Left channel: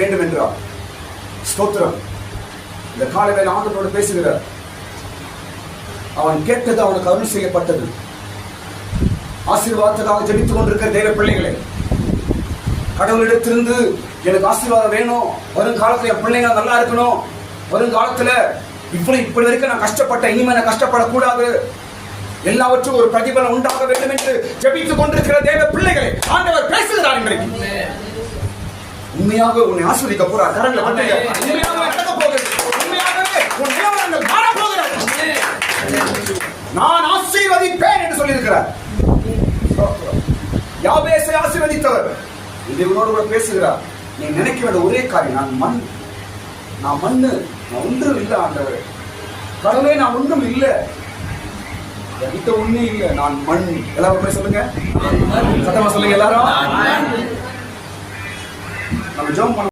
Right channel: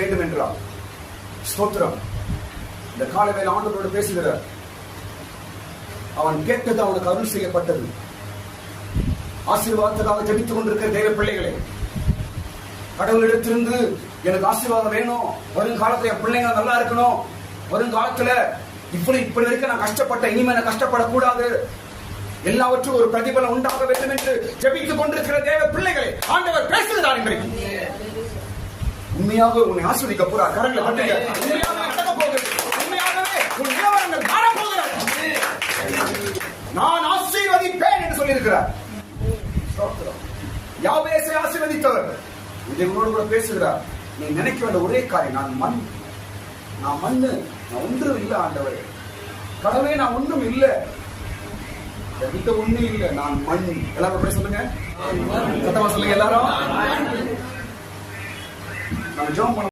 வேண்டும் என்றார். ஸ்தோத்திரம். இந்த காலை வேளை ஆண்டவரோடு பேசுகிறார். அவன் கேட்டது அவனுக்கு அருள் செய்யப்பட்டது. ஆசீர்வாதத்துக்காக ஜெபித்துக் கொண்டிருக்கிற தேவ பிள்ளைகளே, கடவுளிடத்திலிருந்து எனக்கு ஆசீர்வாதம் வேணும், வருங்காலத்துல என் பிள்ளைங்க நல்லா இருக்கணும், வருங்காலத்துல இப்படி வரைக்கும் நான் கஷ்டப்பட்ட, இனிமே நான் கஷ்டப்படக்கூடாது, எல்லாவற்றும் ஒரு பிரதிபலன் உண்டாக வேண்டும் என்று ஜெபித்துக் கொண்டிருக்கிற தேவ பிள்ளைகளை ஆண்டவர் பேசுகிறார். உண்மையாக உன்னை ஆசீர்வதிக்க போறார். நான் ஆசீர்வதிப்பேன் என்று சொல்லியிருக்கிறார். யாபேசை ஆசீர்வதித்தவர் இது உன்னோடு கூட பேசுகிறார். நீ நினைக்க வேண்டிய ஒரே காரியம், நான் மண்ணு, நான் ஒன்றும் இல்லை ஆண்டவர், கடவுளே நான் ஒன்றும் இல்லை, ஒண்ணு இல்லை, நான் மண். எல்லாரும் போய் சொல்லுங்க, சத்தமா சொல்லுங்க எல்லாரும். நம்ம ஜெபம்